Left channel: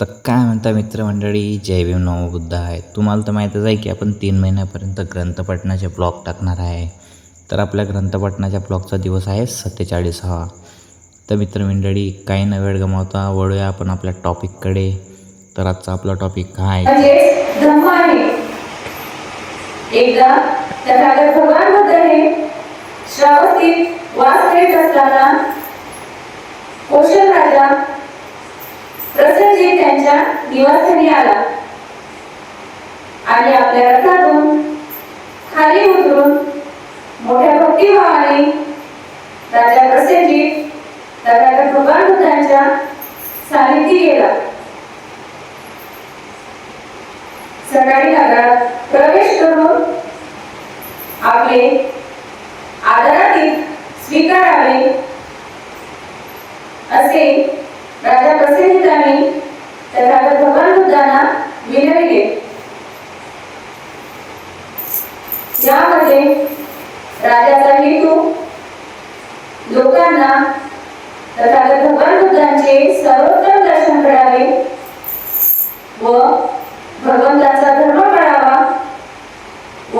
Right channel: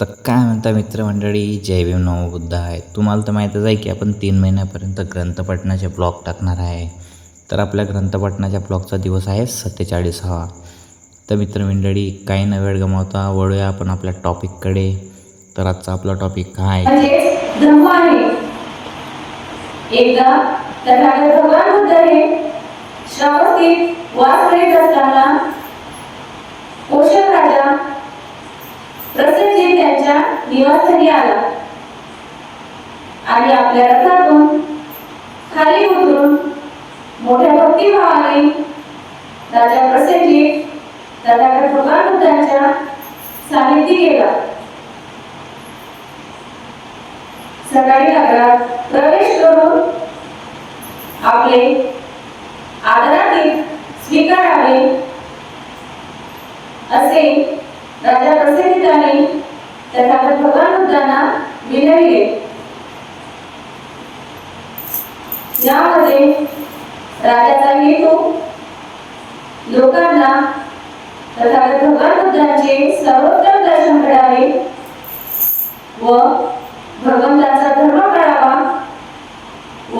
तर काय म्हणता मित्रमंडळी? जय भीम नमो बुद्ध आहे. तुम्हाला तर माहीतच आहे की आपण तीन महिन्यापर्यंत ग्रंथपठणाचे ब्लॉग टाकणार आहे. तर आपल्या ग्रंथपठणाच्या ब्लॉगचा दिवस आहे सत्तेचाळीसावा. तर मित्रमंडळी काही न वेळ गमावता वळूया आपण आपल्या टॉपिककडे. तर आजचा आपला टॉपिक काय? म्हणजे आहे. एकदा तथागत भगवान बुद्ध हे श्रावस्तीत वास करीत असताना कोशल राजा प्रसन्नजीत त्यांच्या निवासस्थानी आला. आणि आपल्या रथातून खाली उतरून मोठ्या भक्तिभावाने राजा प्रसन्नजीत राजा भगवान बुद्धांच्या सानिध्य गेला. सकाळी नगरात प्रवेश करून आपले आदरातीत स्वीकारावे असे राजा प्रसिद्धाने तर राजा भगवान रुद्रांना विनविले यामध्ये राजाचा हेतू लोकांना तथागत भगवान बुद्धांचे सर्वोत्तम दर्शन घडावे व